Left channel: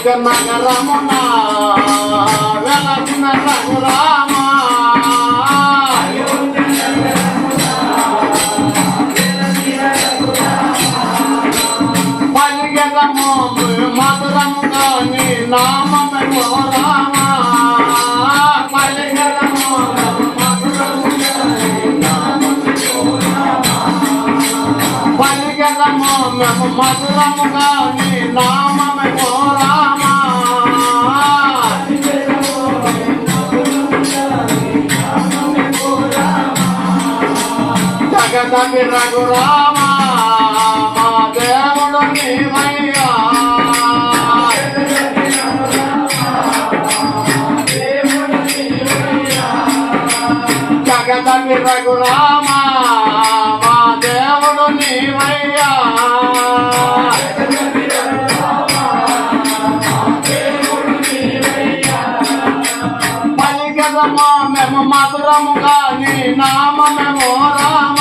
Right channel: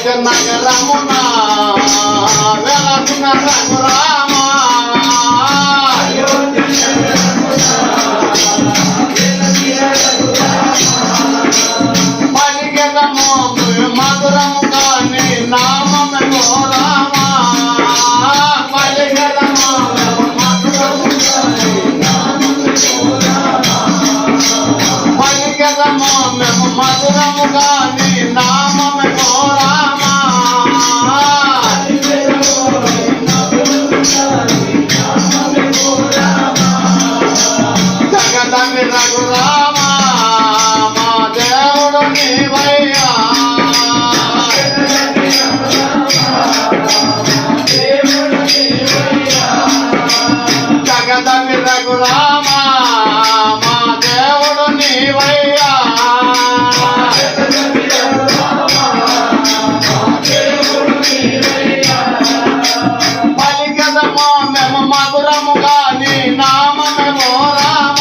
అయోధ్య నగరమున వెలసిన రఘురామ పలికెదము మధురముగా నీ నామమే ఓ రామ పలికెదము మేము మధురముగా నీ నామమే ఓ రామ జగదమి రఘురామ మా దేవుడు నీవయ్యా జగదమి రఘురామ మా దేవుడు నీవయ్యా మేము మధురముగా నీ నామమే ఓ రామ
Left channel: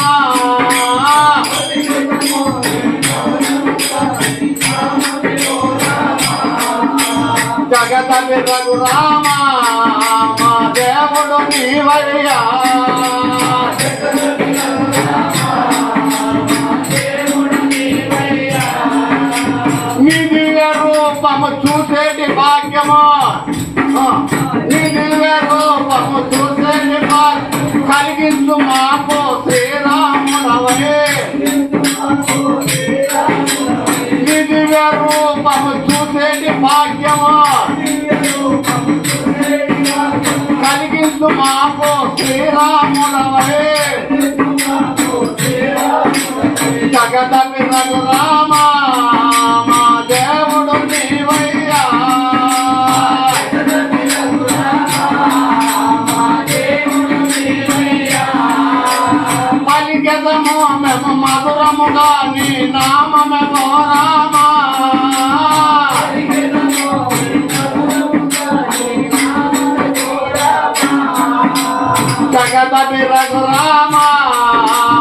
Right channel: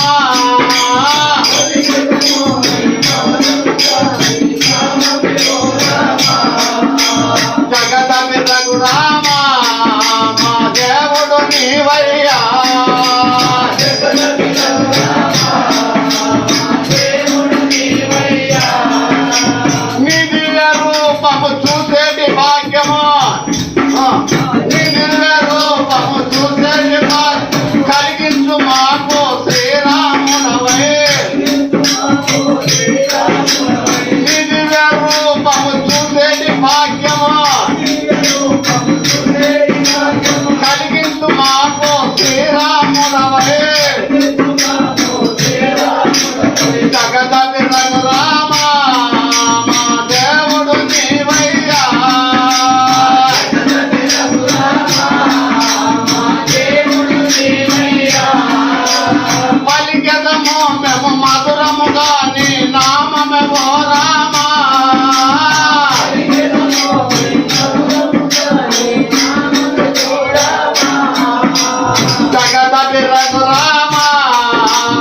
జగదమి రఘురామ మా దేవుడు నీవయ్యా నీ దివ్య రూపము చూసేటి భాగ్యమా నీ దివ్య రూపము చూసేటి భాగ్యం కలిగించు మాకు శ్రీరాముడవే నీ దివ్య రూపము చూసేటి భాగ్యమా కలిగించు మాకు శ్రీరాముడవే జగదమి రఘురామ మా దేవుడు నీవయ్యా పలికెదము మేము మధురముగా నీ నామమే ఓ రామ జగదమి రఘురామ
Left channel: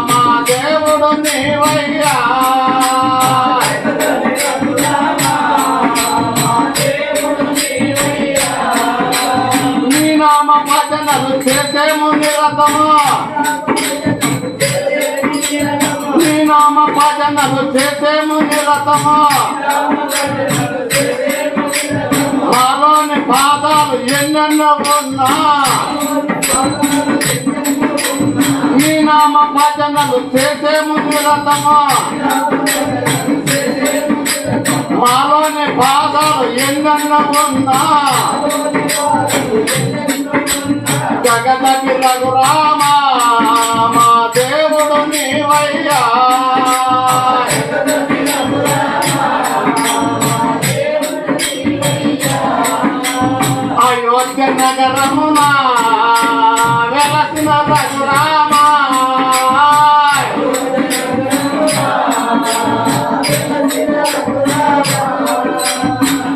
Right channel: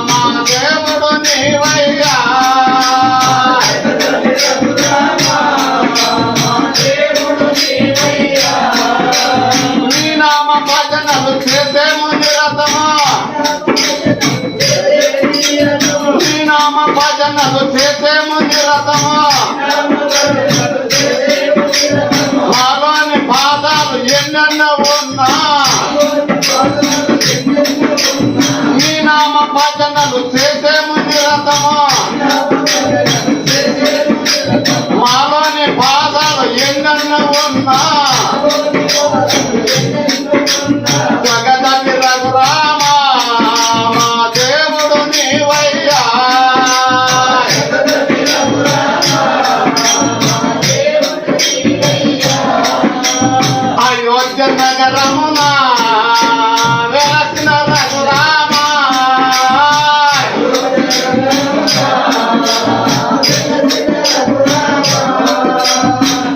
మా దేవుడు నీవయ్యా నీ నామ భజనలు చేసేము నిరతమా నీ నామ భజనలు చేసేము నిరతమా మాలోని బాధలు ఎన్నెన్నో ఉన్నా నీ నామ భజనలు చేసేము నిరతమా మాలోని బాధలు ఎన్నెన్నో ఉన్నా జగదమి రఘురామ మా దేవుడు నీవయ్యా అయోధ్య నగరమున వెలసిన రఘురామ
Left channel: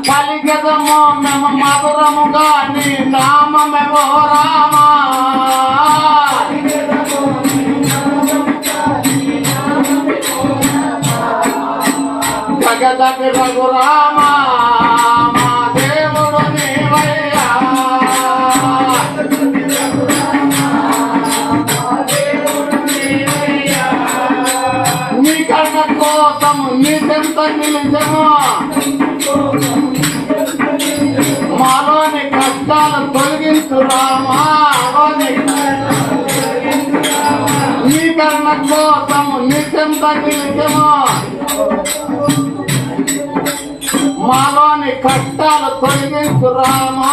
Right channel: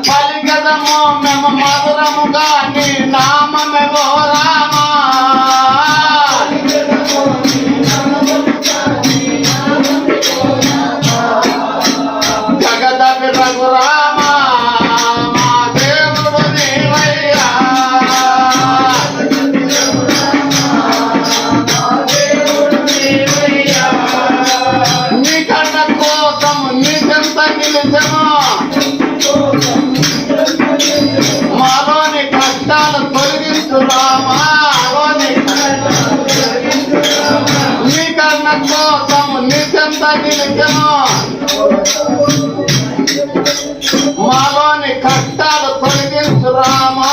పలికెదము మేము మధురముగా నీ నామమే ఓ రామ జగదమి రఘురామ మా దేవుడు నీవయ్యా నీ కన్న కోసం నీ చెంత నిలిచెను మాలోని కష్టాలు తొలగించు రామా నీ కన్న కోసం నీ చెంత నిలిచెను మాలోని కష్టాలు తొలగించు రామా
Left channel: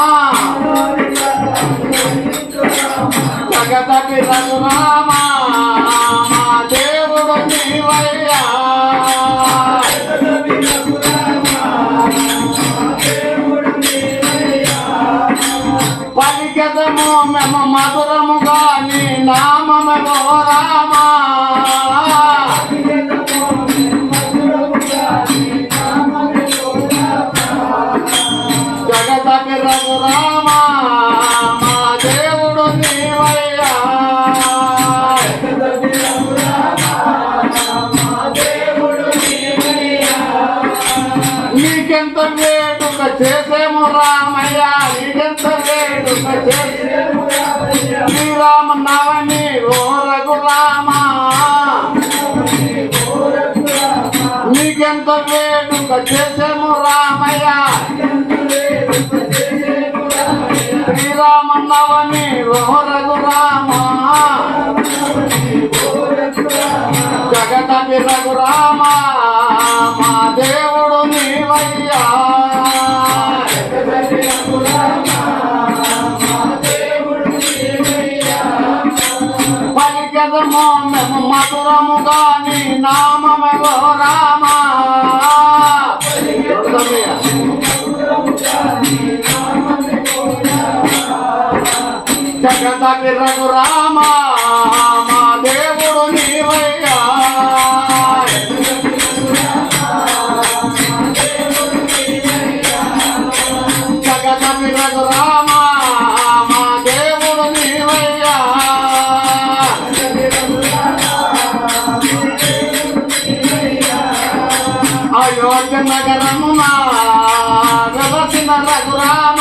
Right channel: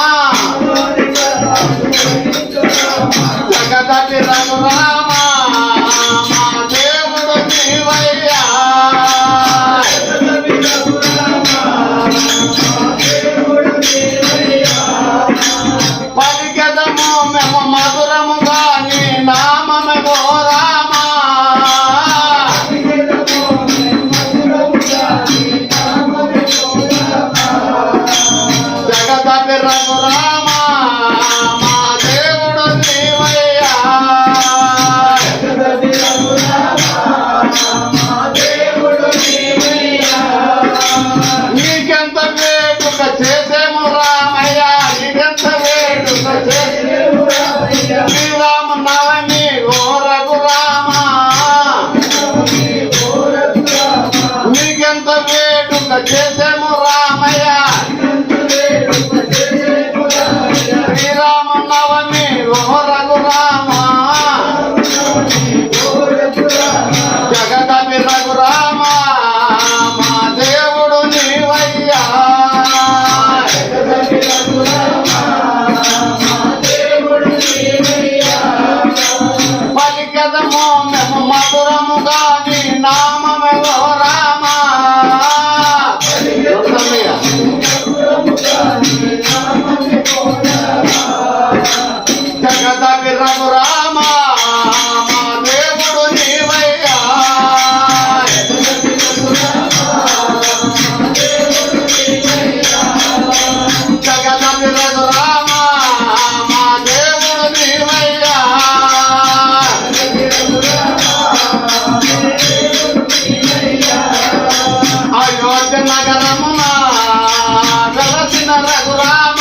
జగదమి రఘురామ మా దేవుడు నీవయ్యా పలికెదము మేము మధురముగా నీ నామమే ఓ రామ రామయ్య నీకెంత వేడుక చేసేము శ్రీరామ నవమి ఓ రఘురామ నీకెంత వేడుక చేసేము రామయ్య శ్రీరామ నవమి ఓ రఘురామ జగదవి రఘురామ మా దేవుడు నీవయ్యా పలికదము మేము మధురముగా నీ నామమేవో రామ జగదవి రఘురామ మా దేవుడు నీవయ్యా జగదవి రఘురామ మా దేవుడు నీవయ్యా అయోధ్య నగరమున వెలసిన రఘురామ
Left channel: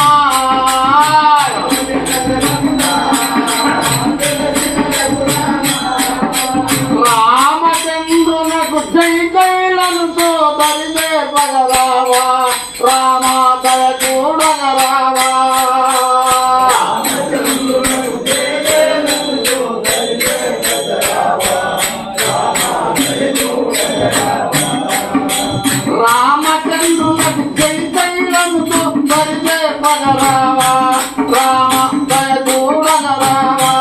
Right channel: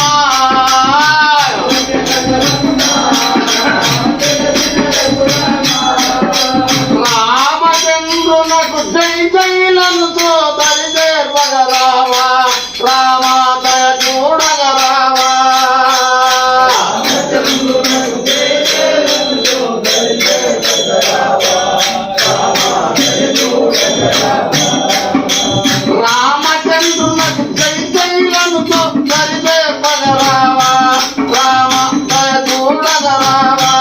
రామచంద్రునకు జై జైలను దరిదే పగరావా రామ దయ చూడగరావా రామచంద్రునకు జై జైలను దరిదే పగరావా రామ దయ చూడగరావా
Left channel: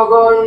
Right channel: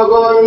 నామముకు